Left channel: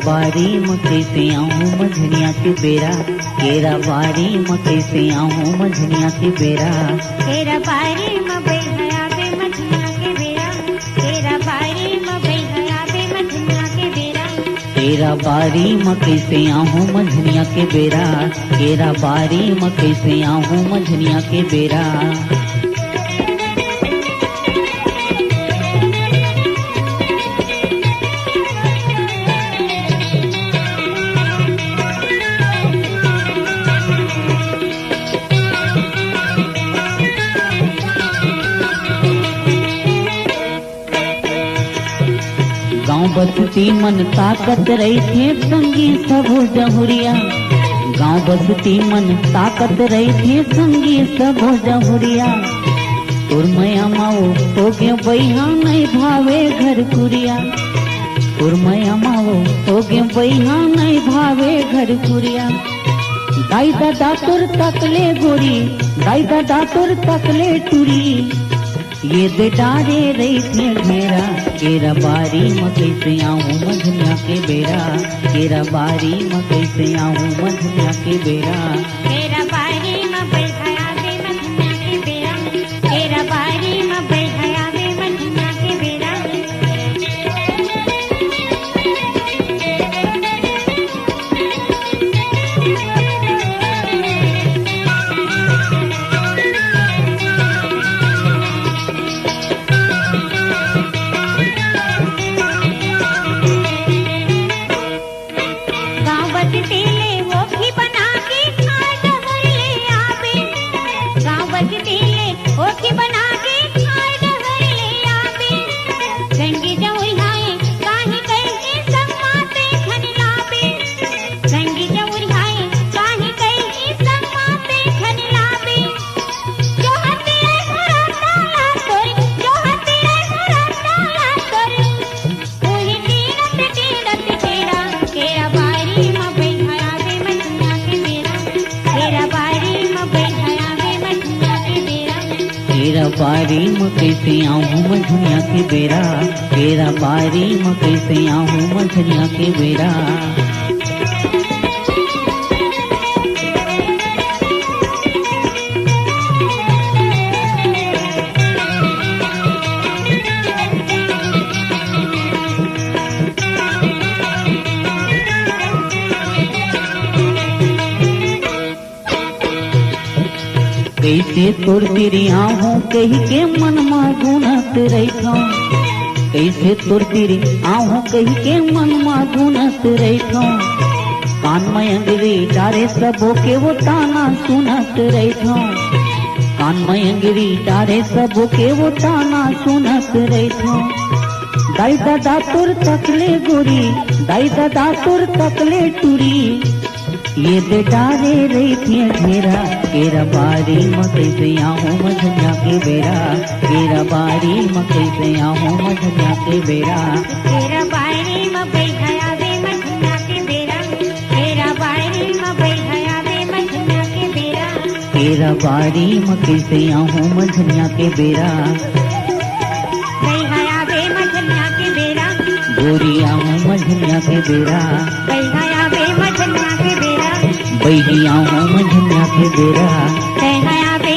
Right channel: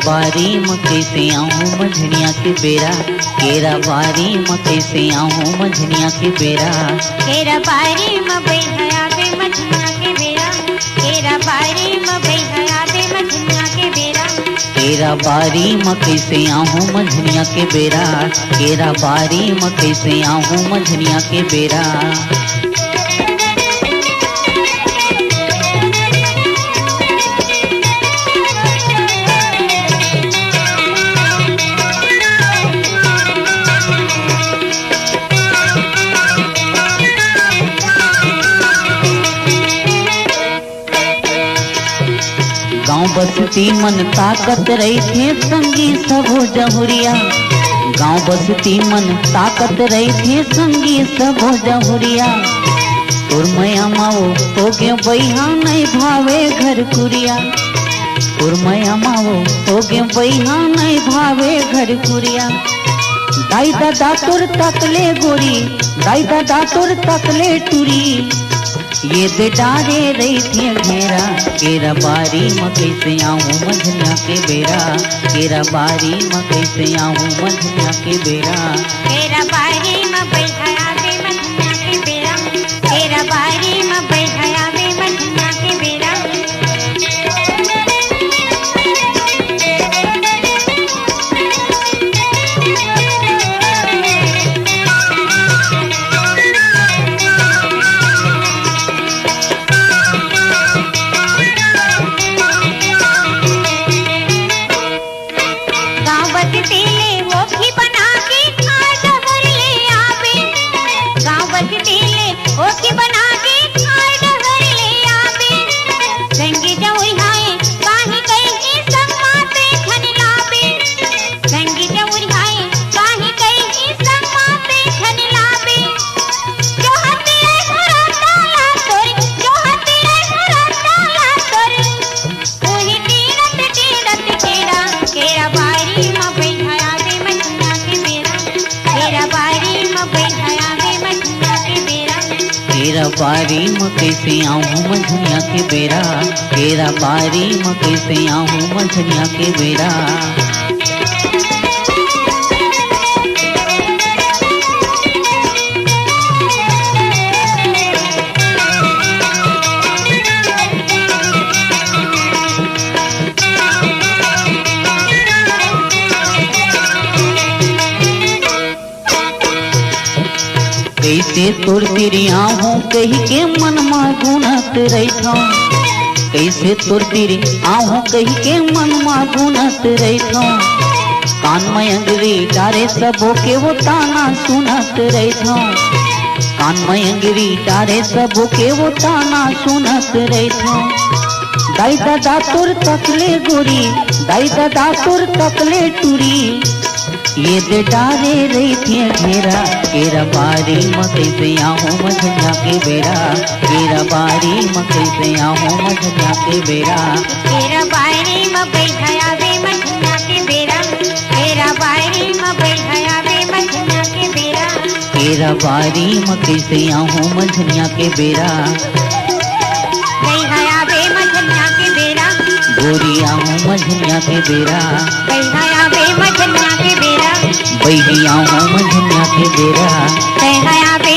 बारी में कैसे आऊँ मझनिया के बेरा, केरा बारी में कैसे आऊँ मझनिया के बेरा। केरा बारी में बैठया दे मझनिया के बेरा, केरा बारी में बैठया दे मझनिया के बेरा। केरा बारी में कैसे आऊँ मझनिया के बेरा, केरा बारी में कैसे आऊँ मझनिया के बेरा। गाँव बसती मन ताकत रही थे संगी सब जहुरिया, गाँव बसती मन ताकत रही थे संगी सब जहुरिया। और मैं माओ तो के बैहा नहीं भावे घर कुरिया, और मैं माओ तो के बैहा नहीं भावे घर कुरिया। दाई दादा तोर तकले गोरी, दाई दादा तोर तकले टूरी, ये बेटा रे रही थी घेरा। केरा बारी में कैसे आऊँ मझनिया के बेरा, केरा बारी में कैसे आऊँ मझनिया के बेरा। केरा बारी में बैठया दे मझनिया के बेरा, केरा बारी में बैठया दे मझनिया के बेरा। गाँव बसती ले वो भी बना के खाए डगर ले आवे, गाँव बसती ले वो भी बना के खाए डगर ले आवे। संगी जमुई हाय पानी कई की सम्मा पे खन लावे, संगी जमुई हाय पानी कई की सम्मा पे खन लावे। जो हती है घरता या तोर, जो हती है घरता या तोर, ओही तीरथ तीरथ केरा। केरा बारी में बैठया दे मझनिया के बेरा, केरा बारी में बैठया दे मझनिया के बेरा। केरा बारी में कैसे आऊँ मझनिया के बेरा, केरा बारी में कैसे आऊँ मझनिया के बेरा। कैसे तोर तिरिया हूँ कही के मन में गुनत रहता, कैसे तोर तिरिया हूँ कही के मन में गुनत रहता। कान में अंगरी डारे सबो के वो ताना सुनत रहता, कान में अंगरी डारे सबो के वो ताना सुनत रहता। दाई दादा तोर तकले गोरी, दाई दादा तोर तकले टूरी, ये बेटा रे रही थी घेरा। केरा बारी में कैसे आऊँ मझनिया के बेरा, केरा बारी में कैसे आऊँ मझनिया के बेरा। केरा बारी में बैठया दे मझनिया के बेरा, केरा बारी में बैठया दे मझनिया के बेरा। केरा बारी में कैसे आऊँ मझनिया के बेरा, बैठया दे मझनिया के बेरा। गोरी आऊँ मझनिया के बेरा, बैठया दे मझनिया के बेरा, बैठी आऊँ मझनिया के बेरा। बैठया दे